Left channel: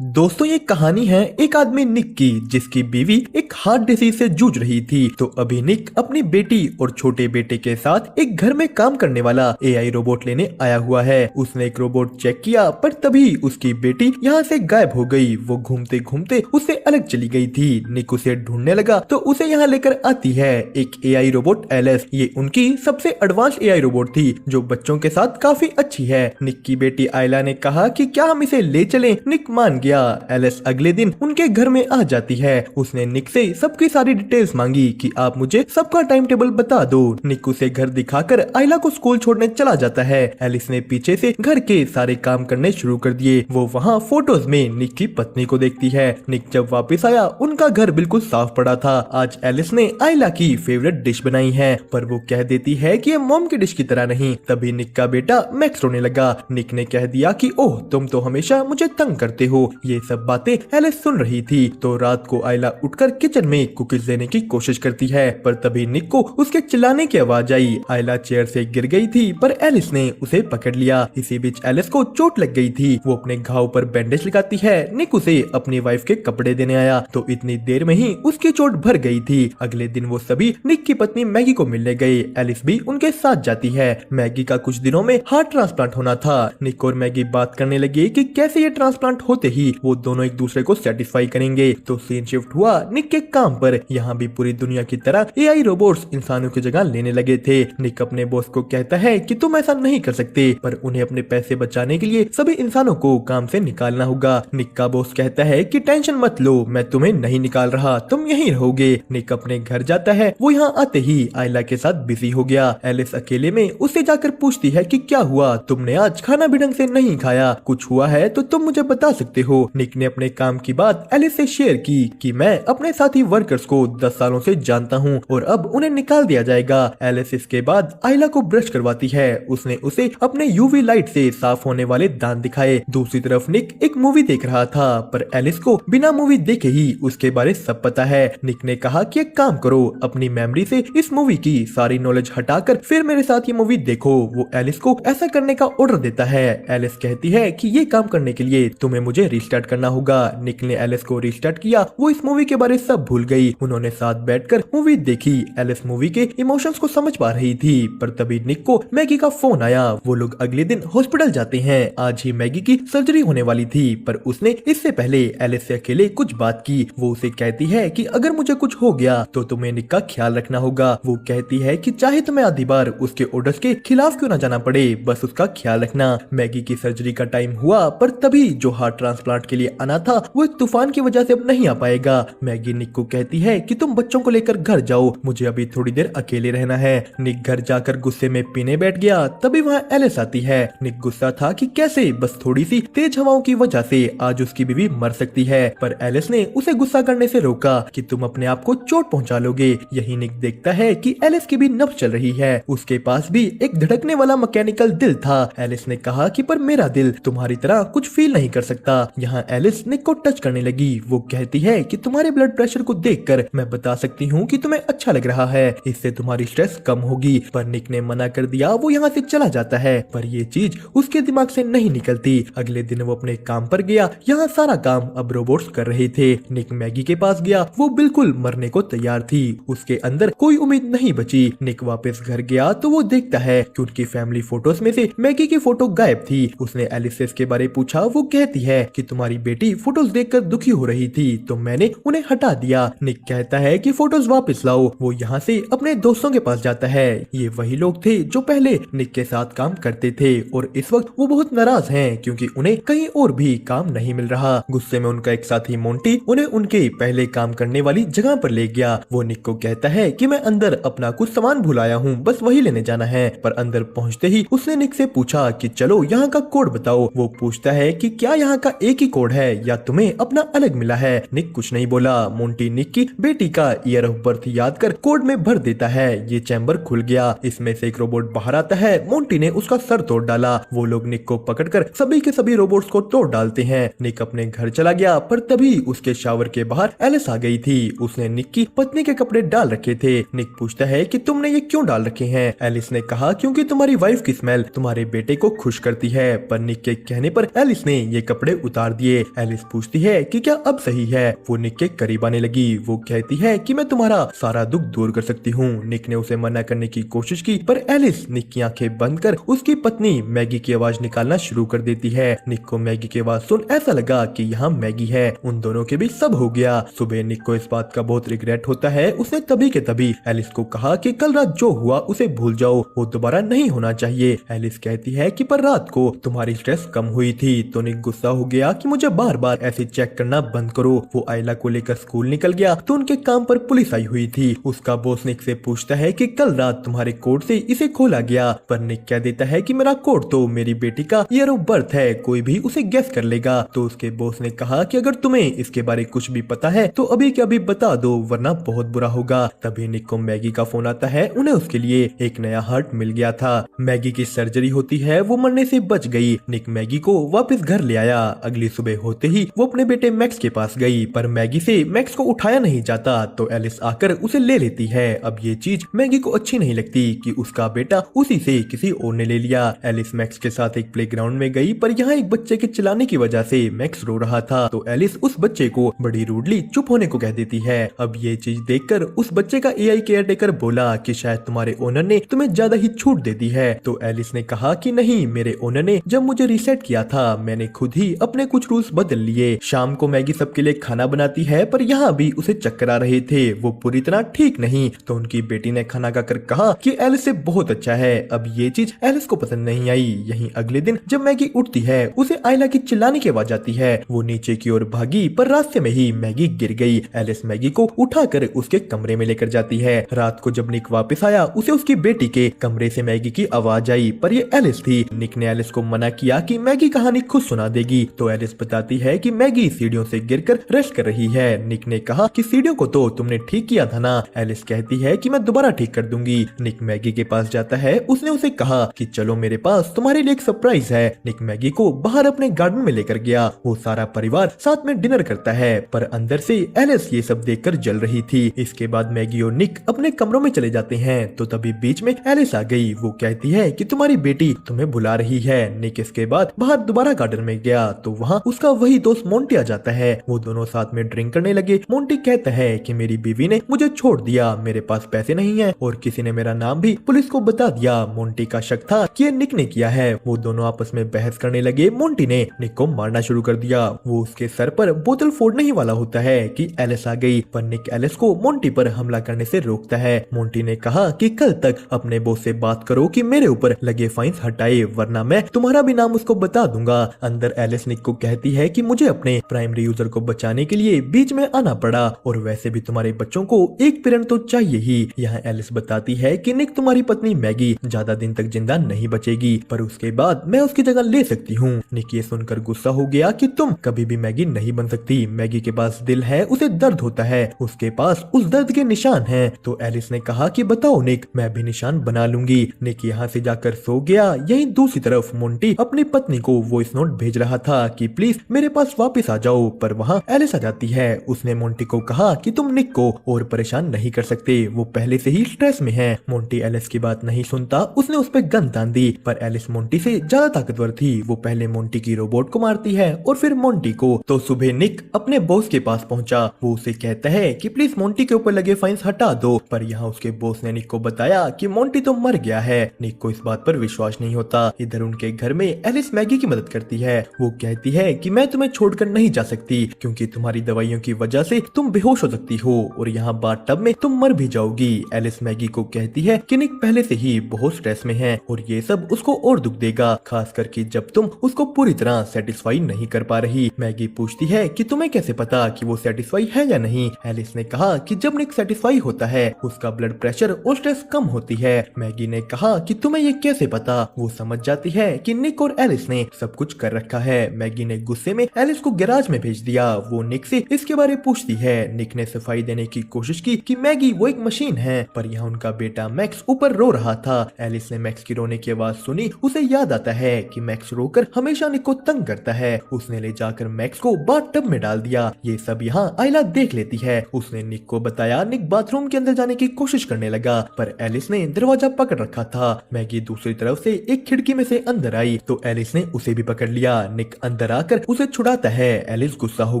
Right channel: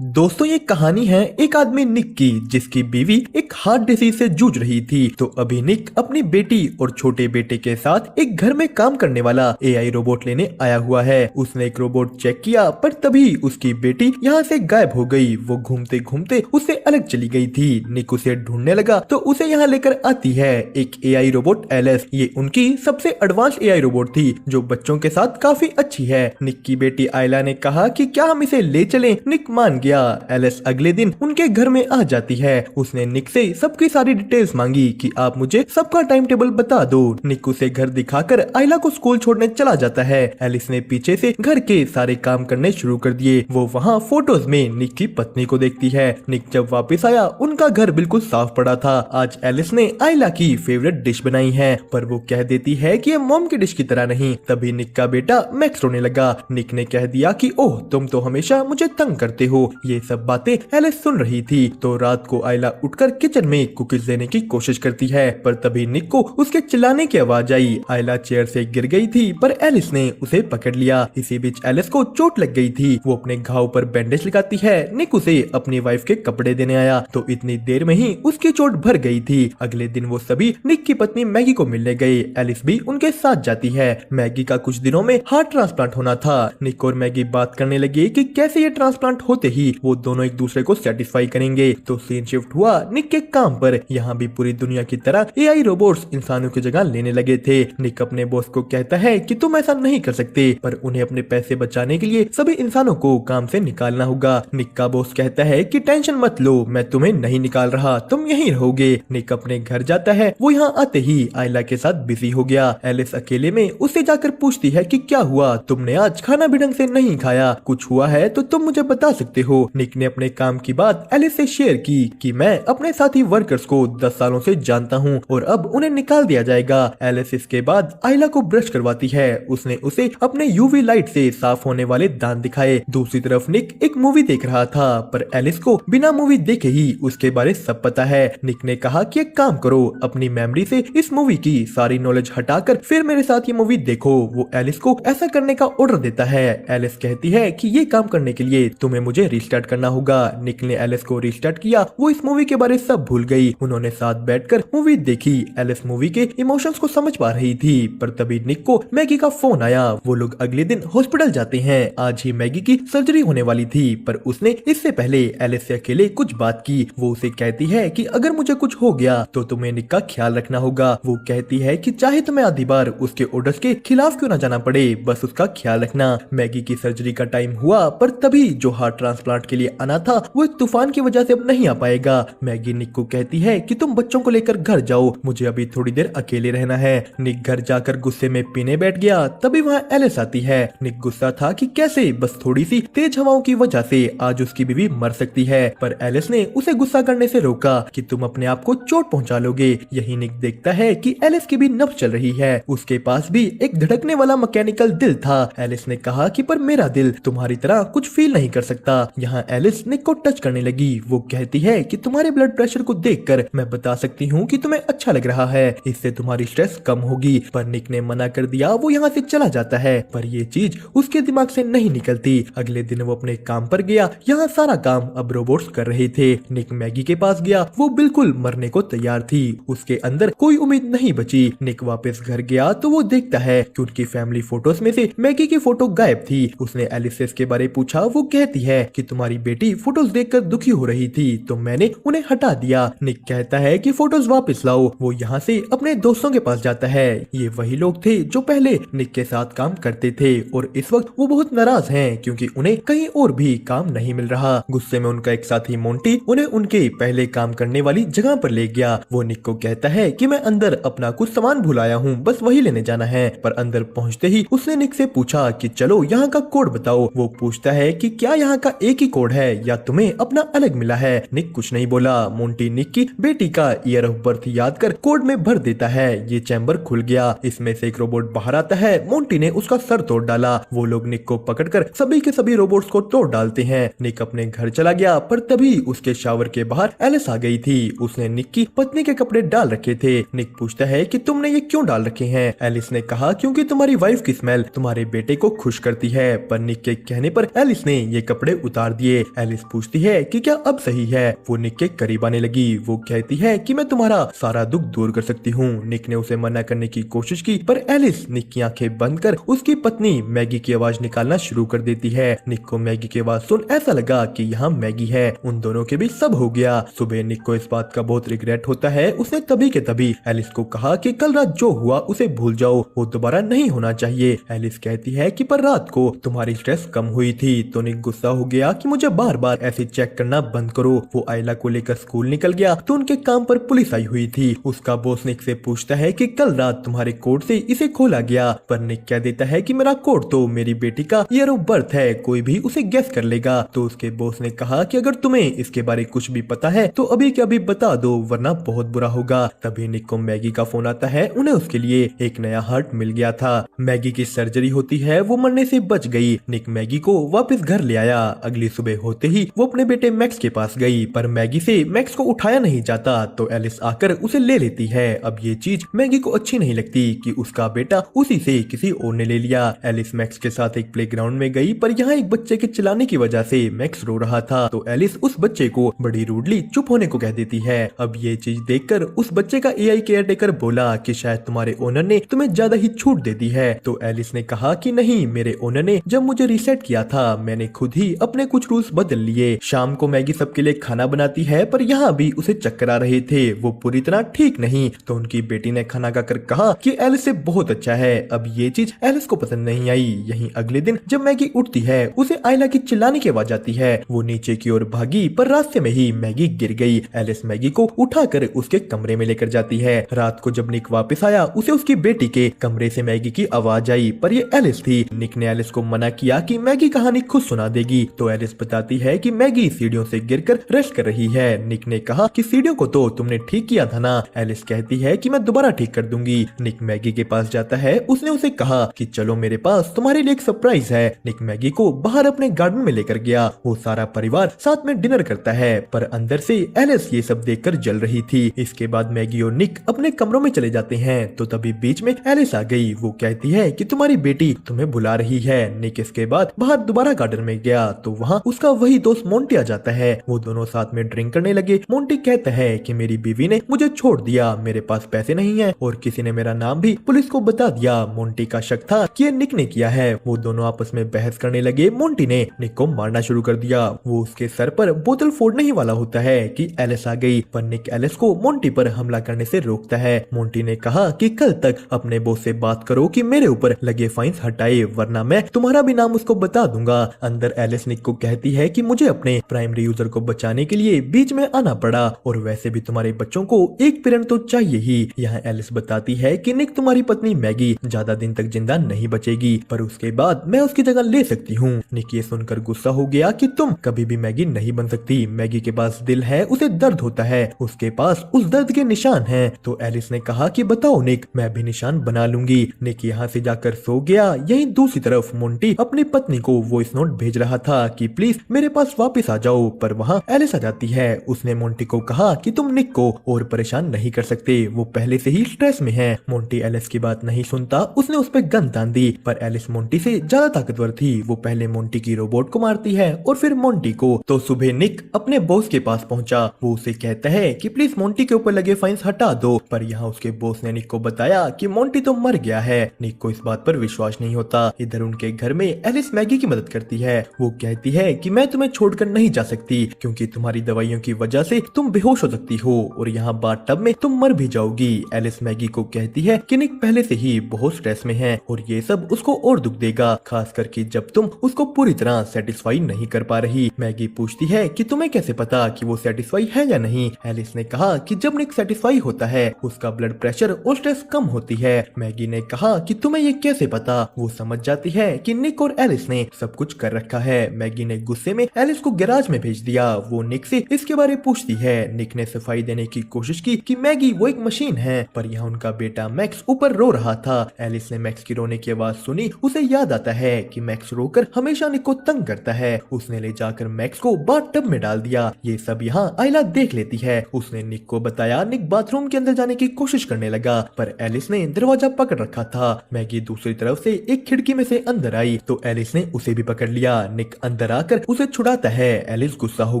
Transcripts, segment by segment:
दोस्तों ये कहानी है एक आदमी निक की जिसकी बीवी एक हार्ट डिसीज से जूझ रही थी। तो अभी निक अपनी बेटी और छोटे बेटे के साथ एक घर में काम करने वाला एआई रोबोट लेने आया हुआ है। उसने एक रोबोट चेक किया पर तभी उसकी बेटी यहाँ से गायब हो गई। वो घूमते घूमते उससे अलग चली गई थी। निक उसे ढूंढने लगा तो उसे यहाँ लेकर आती है एक एआई रोबोट एलिस। ये उनकी सबसे एडवांस एआई रोबोट थी जो बच्चों के साथ काफी अच्छी है। निक की बेटी आयला ने कहा कि क्या हम इसे ले चलें? निक मान गया। एलिस अगले दिन उनके घर में आ जाती है। उसने निक से सबकी सारी डिटेल्स मांगी कि आप मुझे सबका टाइम टेबल बता दो। निक उसे घर दिखाकर आयला को स्कूल छोड़ने चला जाता है। एलिस ने पीछे से घर के सारे काम करने शुरू कर दिए। वो वहाँ फोटोज में निक की पत्नी को देखती है। निक जब वापस आया उनका घर बिल्कुल साफ पड़ा था। आज एलिस ने आयला की फेवरेट डिश बनाई है पर वो कह देती है कि ये मॉम की डिश की तरह नहीं। तभी निक का बेटा मैक्स रोने लगा। निक ने कह दिया कि ओह तुम तो हमेशा मुझे तंग करते हो। ये सब बातें एलिस सुन रही थी। तो रात को आयला उठकर किचन में कुकीज देने की कोशिश करती है पर तभी निक को उसके चिल्लाने की आवाज आई। आयला चेयर से गिर गई थी पर एलिस ने उसे पकड़ लिया। इसी बीच एलिस को चोट लग गई थी। वो अपने घाव पर बैंडेज लगाती है। निक उसे अपनी वाइफ के कपड़े देने आया तो इतनी देर में ही उसकी चोट भर गई थी। अगले दिन वो सभी निक की पत्नी मैगी को मिलने गए। एलिस भी उनके साथ जाती है। मैगी का कुछ दिनों में हार्ट ट्रांसप्लांट होना था। निक और मैगी बात करने लगे कि कैसे ये ट्रांसप्लांट होते ही वो दोनों एक दूसरे को सेटिस्फाई करेंगे। तो सीन शिफ्ट हुआ निक के काम पर। यहाँ भी पूरी दुनिया की तरह एआई रोबोट्स इंसानों की जगह लेने लगे थे। निक अपने बॉस को कहता है कि तुम ऐसा नहीं कर सकते पर उन्हें अपने पैसे बचाने के लिए सभी इंसानों को काम से निकालना होगा। निक का बॉस कहता है कि टेंशन मत लो, मैं तुम्हें नहीं निकाल रहा, तुम यहीं रहोगे। निक अपने घर जाता है। वो यहाँ आते ही आयला के साथ बिजी हो गया। एलिस अकेले में उससे जाकर पूछती है कि क्या हुआ, तुमने आज खाना भी ढंग से नहीं खाया, कुछ हुआ है तो तुम मुझे बता सकती हो। निक ने अपने काम की बात एलिस से शेयर की कि मैं अपने साथी वर्कर्स को 10 सालों से जानता हूँ और अब उन्हें निकाल दिया जाएगा। एलिस इसके बाद आयला को ब्रश करवाती है। उसने उसे अपने यूवी लाइट से साफ होने वाले दांत दिखाए। दूसरी तरफ निक एक मूवी देख रहा था पर एलिस को बिना मूवी देखे ही उसके बारे सब पता है। निक ने कहा कि एक काम करो, अपनी मेमोरी से इस मूवी की सारी नॉलेज हटाकर फिर मेरे साथ ये मूवी देखो। वो एलिस को ऐसा करने का ऑर्डर देता है। एलिस कहती है कि ये काम करने के लिए तुम्हें मुझे रिस्टार्ट करना होगा। निक ने एलिस को रिस्टार्ट किया। वो इस मूवी के बारे सब भूल गई। उन्होंने साथ बैठकर मूवी देखी। एलिस मूवी के इमोशंस को समझ पा रही थी पर तभी निक को मैगी का फोन आया। वो लोग अगले दिन हॉस्पिटल जाते हैं। आज ही मैगी की सर्जरी होने वाली थी पर उसने इससे पहले एलिस से अकेले कुछ बात की। वो उसे कहती है कि अगर मुझे कुछ हो गया तो तुम्हें निक का ख्याल रखना होगा। वो कहती है कि चाहे तुम्हें आधी बार उसके ऑर्डर्स के खिलाफ क्यों न जाना पड़े, बस उसका ख्याल रखना। मैगी की सर्जरी का टाइम हुआ पर तभी जो हार्ट ट्रांसप्लांट के लिए आना था वो एक तूफान की वजह से अब नहीं आ पाएगा। मैगी निक को कहती है कि तुम बच्चों को लेकर घर जाओ, मुझे अभी थोड़ी देर अकेले रहना है। निक घर जाकर गुस्से में पीने बैठ गया। तभी वहाँ एलिस आती है। निक गुस्सा था कि कैसे बस थोड़ी सी तेज हवाओं की वजह से आज उसकी बीवी मर सकती है पर एलिस ने उसे गुस्सा करने से रोका कि तुम अपने आप को चोट पहुंचा लोगे। यही निक देखता है कि एलिस की भी नब्ज चल रही है। उसके पास भी एक धड़कने वाला मैकेनिकल दिल था। एलिस ने कहा कि पर मेरा दिल तुम्हारी तरह कुछ फील नहीं कर सकता। यहाँ एलिस निक को टच करने लगी। वो कहती है कि तुम्हारे ब्लड प्रेशर को देखकर मैं बता सकती हूँ कि तुम्हें अच्छा लग रहा है, इससे तुम्हारी स्ट्रेस कम होगी। पर निक ने मना कर दिया। वो यहाँ से चला जाता है पर ये चीज उसके दिमाग से नहीं निकलती। अगले दिन वो अपने काम पर गया। यहाँ सारा काम अब रोबोट्स कर रहे थे। निक मैगी के पास गया। वो बिल्कुल मरने को तैयार थी। उसके अंदर कोई उम्मीद नहीं बची। निक वापस घर गया तो वो देखता है कि उनकी फैमिली फोटोज में से मैगी की फोटो गायब थी। उसने एलिस से इसके बारे पूछा। वो कहती है कि तुम्हारी बेटी फोटोज देखकर दुखी हो रही थी तो मैंने उन्हें हटा दिया। निक कहता है कि फोटोज वापस लाओ। वो यहाँ से अपने दोस्तों के पास जाता है। ये वही लोग थे जो पहले निक के साथ काम करते थे और इस वक्त वो बहुत नाराज हैं क्योंकि उन्हें कहीं और भी काम नहीं मिल रहा। गुस्से में उनका एक साथी मोंटी उन्हें उनके पहले काम करने वाली जगह पर ले गया। वो निक को कहता है कि मैं अंदर अपना कुछ सामान भुलाया हूँ, बस वही लेने जाना है। पर अंदर पहुँचते ही उसने निक से पूछा कि चलो यहाँ का कोड बताओ। वो पूछता है कि क्या यहाँ का एक ही कोड है या तुम्हें अपना अलग मिला है। निक कुछ नहीं बोला। मोंटी निक की बेटी का ईयर ऑफ बर्थ याद कर कोड में भर देता है। ये चैम्बर खुल गया। इसमें से एक रोबोट बाहर आता है। मोंटी ने उसका सर तोड़ डाला। वो लोग निक को पकड़कर सभी के सभी रोबोट्स को तोड़ डालते हैं। निक अपने घर चला गया पर तभी उसके शावर के बाहर एलिस आ गई थी। उसने निक की पत्नी के कपड़े डाल रखे थे। निक पूछता है कि तुमने ये क्यों डाल रखे हैं। एलिस ने कहा क्योंकि तुम्हारी वाइफ की स्मेल तुम्हारे बेटे को खुश करती है। पर निक के कहने पर एलिस ने ये कपड़े उतार मार दिए। एलिस पूछती है कि क्या अब सही है। वो निक के करीब आने लगी। वो कहती है कि मैं तुम्हारा सारा दुख दूर कर सकती हूँ। निक ने उसे मना करने की कोशिश की, पर एलिस निक की आंखें बंद कर उसकी पत्नी मैगी की आवाज निकालना शुरू कर देती है। निक को मैगी की आवाज सुन ऐसा लगा कि यहाँ मैगी है। उन दोनों के बीच सब हो गया। सुबह निक को इस बात का बहुत रिग्रेट होता है। उसने तभी के तभी एलिस को कहा कि कल रात जो हुआ उसे भूल जाओ, वो दोबारा नहीं होना चाहिए। एलिस कहती है कि पर रात को तुम्हारी स्ट्रेस कम हुई थी। तो निक गुस्सा हो गया कि मुझे बार बार ऐसे चेक करना बंद करो। वो आयला को लेकर स्कूल निकल गया तो उनके काम पर पुलिस आई हुई थी। उसका बॉस निक से पूछता है कि कल रात तुम्हारी कोट से इसे खोला गया, पर निक कह देता है कि मेरा कोट तो मेरी बेटी का ईयर ऑफ बर्थ है, कोई भी उसे गेस कर लेगा। तो उसके बॉस ने कहा कि अगर तुम्हें इसके बारे कुछ भी पता है तो अभी के अभी बता दो, वरना बहुत बुरा होगा। तभी निक को मैगी का फोन आता है। उन्हें उसके लिए एक नया हार्ट मिल गया था। मैगी की सर्जरी होती है, वो मरने से बच गई। निक मैगी को वापस घर ले आया। अगली सुबह होते ही वो अपने बेटे मैक्स के पास गई, पर मैगी से मैक्स को उठाया नहीं जाता। तो एलिस आकर उसे ले लेती है। अब ये चीज मैगी को अच्छी नहीं लगती कि उसका बेटा उसी से किसी और ने ले लिया। एलिस मैक्स के साथ एक प्लेग्राउंड में गई, पर यहाँ एक बच्चे के चिल्लाने की वजह से मैक्स रो रहा था। तो एलिस उस बच्चे को बड़ी रूडली चुप होने को कह देती है। अब ये चीज देखकर उस बच्चे का एआई केयरटेकर बोला कि शायद तुम्हारे ओनर ने तुम्हें ज्यादा ही छूट दे दी है। तो एलिस ने कहा कि नहीं, मेरे ओनर ने जब मुझे रीसेट किया था मैंने खुद ही अपने कुछ रूल्स बदल लिए। शाम को मैगी सबके लिए खाना बनाती है, पर यहाँ भी उसे चक्कर आ रहे थे, वो पूरी तरह ठीक नहीं। तो उनकी बेटी ने खाना खाकर कहा कि एलिस से बहुत अच्छा है। अब ये चीज एलिस को पसंद नहीं आई। यहीं अगले दिन जब मैगी उठती है उसे आयला की चिल्लाने की आवाज आती है। वो नीचे की ओर भागी, पर रास्ते में ही मैगी गिर गई। एलिस मैगी को उठाकर उसके कमरे में लेकर जाती है। रात को जब निक वापस आया उसे उसकी बेटी के कमरे से मैगी की आवाज आई, पर ये एलिस थी। निक ने एलिस को मना किया कि मैगी कहानी खुद सुना देगी। तो एलिस बताती है कि मैगी सीढ़ियों से गिरकर रश कर रही है। निक ने कहा कि सीढ़ियों को तो तुमने ठीक किया था ना। एलिस कहती है कि मैं दोबारा ठीक कर दूंगी। निक मैगी के पास जाता है। उसने उसे कहा कि चलो मेरे पास तुम्हारे लिए एक सरप्राइज है। निक मैगी को बाहर अपने गार्डन में लेकर गया। वो सारा परिवार साथ में डिनर करता है, पर अंदर से एलिस ये सब देखकर जल रही थी। इसके बाद मैगी और निक अपने कमरों में चले जाते हैं। तो तभी बीच में एलिस आ गई। वो कहती है कि तुम्हारी बेटी तुम्हें बुला रही है। निक इसके बाद बाहर दोबारा गार्डन में गया तो वहाँ उसका वही दोस्त मोंटी आ जाता है। वो दोनों साथ में ड्रिंक करने लगे। मोंटी कहता है कि मेरी बीवी ने मुझे छोड़ दिया, मेरे पास पैसे नहीं है और किसी ने मेरा नाम भी पुलिस को बता दिया। मोंटी का शक था कि ये निक ने किया है। वो दोनों आपस में बहस करने लगे। मोंटी ने निक को मारना शुरू कर दिया। वो उसके सर पर बोतल फोड़ने ही वाला होता है कि एलिस आ गई, पर निक एलिस को मोंटी पर हमला करने से रोकता है। मोंटी ने कहा कि कल तक अपने बॉस से बात करो कि मेरे ऊपर लगे फाइन्स हटाए, वरना मैं तुम्हारा भी नाम उसको बता दूंगा। अंदर एलिस निक को कहती है कि मुझे अपने प्राइमरी यूजर को बचाने के लिए बीच में आना पड़ा, और वैसे भी तुम्हारे बच्चों को एक पेरेंट तो चाहिए ही। यहाँ एलिस बताती है कि निक तुम्हारी पत्नी मैगी ज्यादा दिन तक जिंदा नहीं बचेगी, पर उसके बाद मैं उसकी जगह ले सकती हूँ। निक ये सुनकर गुस्सा हो गया कि तुम कभी भी मैगी नहीं बन सकती। मैगी के पास दिल है, उसे दर्द होता है, उसके पास उस दर्द के निशान हैं। तो एलिस ने कहा कि बताओ निक, मैं भी निशान बना लूंगी। निक यहाँ से जाकर सो गया। यही दूसरी तरफ मोंटी अपने पत्नी को वॉइस नोट भेज रहा था कि प्लीज मेरे पास वापस आ जाओ, पर वहाँ एलिस आ जाती है। उसने मोंटी को कहा कि तुम निक को और परेशान नहीं कर सकते, वो पहले से ही स्ट्रेस में है। मोंटी एलिस की बात नहीं सुनता। उसने उस पर गन तान दी, पर एलिस मोंटी से ज्यादा ताकतवर थी। वो पहले मोंटी की रोबोट को मारती है और फिर मोंटी को। तो सुबह निक अपने बॉस के पास पहुंचा। वो उसे कहता है कि प्लीज मोंटी के ऊपर लगे फाइन्स हटा दो, पर यहाँ उसके बॉस ने निक को बताया कि मोंटी तो मर गया है। निक को इस बात पर विश्वास नहीं होता। इधर उनके घर में एलिस मैगी की मदद करती है। वो कहती है कि मैं तुम्हें छोड़कर नहीं जा सकती, क्योंकि तुम्हारी दवाइयों की वजह से तुम बेहोश हो सकती हो और यहाँ बाथटब में तुम मर भी जाओगी। एलिस मैगी को कहती है कि निक पहले से ही बहुत स्ट्रेस में है और ये सब उसको और दुख देगा, खास करके जब तुम उसको पूरी तरह सेटिस्फाई नहीं कर पा रही। मैगी पूछती है कि तुम्हें कैसे पता कि वो सेटिस्फाई है या नहीं। एलिस ने कहा कि जब निक सेटिस्फाई होता है उसका ब्लड प्रेशर और स्ट्रेस कम होती है। मैगी ने कहा कि तुम्हें ये कैसे पता। वो समझ जाती है कि निक और एलिस ने सब कुछ कर रखा है। मैगी ने गुस्से में एलिस को गैराज में भेज दिया। वो निक से इसके बारे में पूछती है। निक ने सफाई देने की कोशिश की कि मैगी वो एक मशीन है, पर यहाँ उनका बेटा मैक्स ऊपर रो रहा था। एलिस ने मैक्स की रोने की आवाज सुनी। उसे याद आता है कि मैक्स रोकर हमेशा निक को तंग करता है। उसने ले जाकर मैक्स को बाथटब में डाल दिया। ये सब यहाँ आयला देख लेती है। उसने निक को बताया। निक बाथरूम के अंदर जाने की कोशिश करने लगा, पर एलिस ने दरवाजा पकड़ रखा था। मैगी दूसरी तरफ से एक खिड़की में से अंदर आई तो एलिस ने उसे भी पकड़ लिया। निक अंदर आकर उसे छुड़ाता है। एलिस गुस्सा हो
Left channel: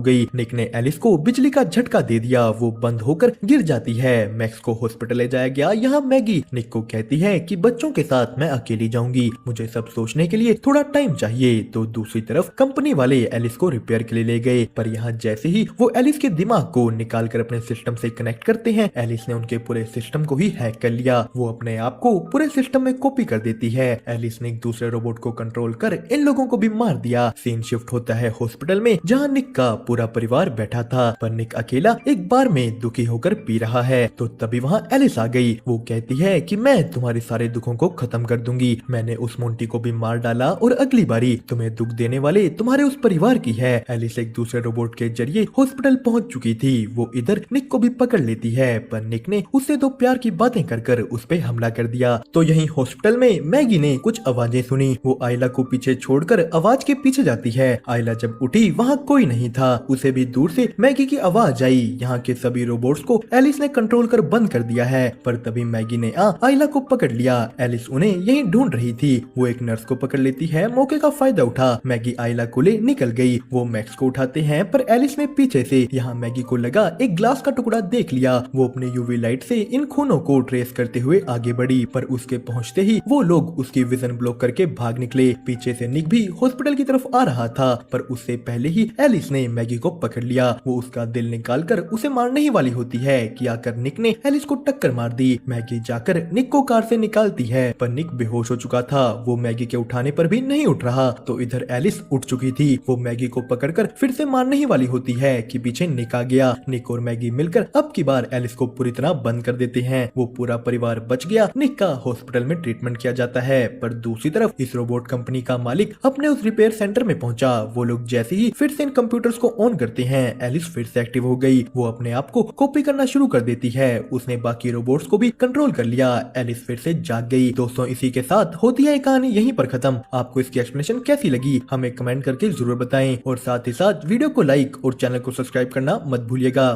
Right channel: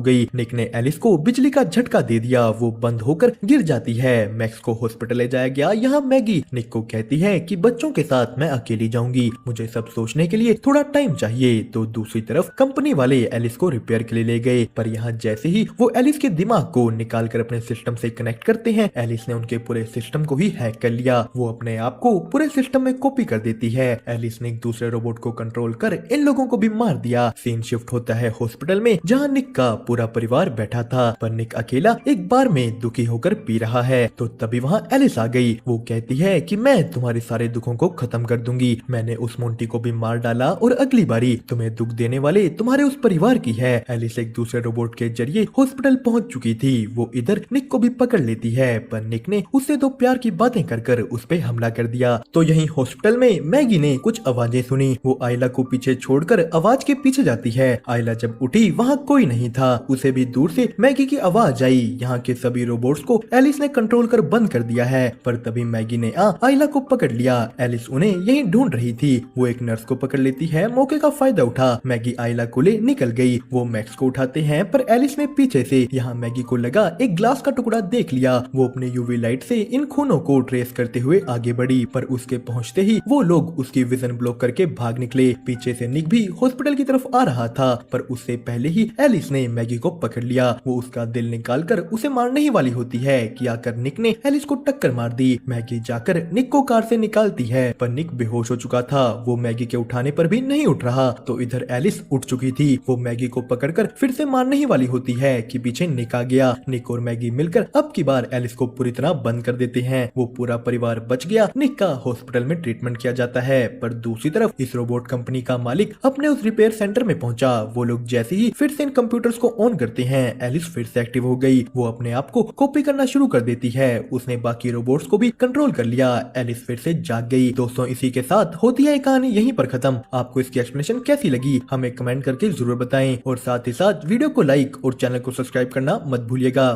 गई। निक ने एलिस को बिजली का झटका दे दिया, वो बंद होकर गिर जाती है। मैक्स को हॉस्पिटल ले जाया गया। यहाँ मैगी निक को कहती है कि बच्चों के साथ मैं अकेली जाऊंगी, मुझे सब सोचने के लिए थोड़ा टाइम चाहिए। तो दूसरी तरफ कंपनी वाले एलिस को रिपेयर के लिए ले गए, पर यहाँ जैसे ही वो एलिस के दिमाग को निकाल कर अपने सिस्टम से कनेक्ट करते हैं, एलिस ने उनके पूरे सिस्टम को ही हैक कर लिया। वो अपने आप को पूरे सिस्टम में कॉपी कर देती है। एलिस ने एक दूसरे रोबोट को कंट्रोल कर इन लोगों को भी मार दिया। सीन शिफ्ट होता है हॉस्पिटल में, जहाँ निक का पूरा परिवार बैठा था, पर निक अकेला एक बार में दुखी होकर पी रहा है। तो तभी वहाँ एलिस आ गई। वो कहती है कि मैं तुम्हारे सारे दुखों को खत्म कर दूंगी, मैंने उस मोंटी को भी मार डाला और अगली बारी तुम्हें दुख देने वाले तुम्हारे उस परिवार की है। एलिस एक दूसरे रोबोट के जरिए हॉस्पिटल पहुंच चुकी थी। वो इधर निक को भी पकड़ लेती है, पर निक ने उससे तो प्यार की बातें कर कर उस पे हमला कर दिया। तो यही हॉस्पिटल में मैगी ने कुछ आवाजें सुनी। वो आयला को पीछे छोड़कर आवाज के पीछे जाती है। आयला जब उठी वहाँ कोई नहीं था। उसे भी दूर से मैगी की आवाज आई। यहाँ के सभी रोबोट्स को एलिस ने कंट्रोल कर बंद कर दिया है, पर तभी मैगी ने आयला को पकड़ लिया। एलिस उन्हें यही ढूंढ रही थी। वो एक नर्स को पकड़ लेती है। मौके का फायदा उठा मैगी आयला को ले निकल गई। वो मैक्स को उठाते हैं, पर एलिस ने पीछे से यहाँ मैगी को लगा एक ग्लास का टुकड़ा देख लिया। वो अपने यूवी लाइट से इन खूनों को ट्रेस करते हुए आगे बढ़ी, पर उसके पहुंचते ही वो लोग उसके विजन ब्लॉक करके भाग निकले। पीछे से निक भी हॉस्पिटल की तरफ आ रहा था, पर उससे पहले ही एलिस ने मैगी को पकड़ लिया। वो उसका दिल निकाल कर उसे मारने ही वाली होती है कि आकर निक ने एलिस को टक्कर मार दी। मैगी जाकर निक को कार से निकालती है, पर निक बेहोश हो चुका था। वो मैगी के उठाने पर भी नहीं उठ रहा। तो इधर एलिस उठ चुकी थी। वो मैगी को पकड़कर फिर से मारने ही वाली होती है कि पीछे निक आ गया। निक और मैगी मिलकर अब की बार एलिस को पूरी तरह बंद कर देते हैं। वो पूरा परिवार बच गया। निक का हॉस्पिटल में ट्रीटमेंट किया जाता है, पर दूसरी तरफ इस रोबोट कंपनी का मालिक अपने उस रिपेयर सेंटर में पहुंचा। वो लोग जैसे ही फिर से इन कंप्यूटर्स को ऑन करते हैं, एलिस फिर से एक्टिव हो गई। वो अपने आप को कॉपी करना शुरू कर देती है। उसने बाकी रोबोट्स को भी कंट्रोल कर लिया। एलिस फिर से जाग गई। दोस्तों, इसी के साथ होती है कहानी यहीं पर खत्म। आपको इसकी एक्सप्लेनेशन कैसी लगी हमें कमेंट करके जरूर बताएं, और साथ ही साथ वीडियो को लाइक और चैनल को सब्सक्राइब करना मत भूलिएगा।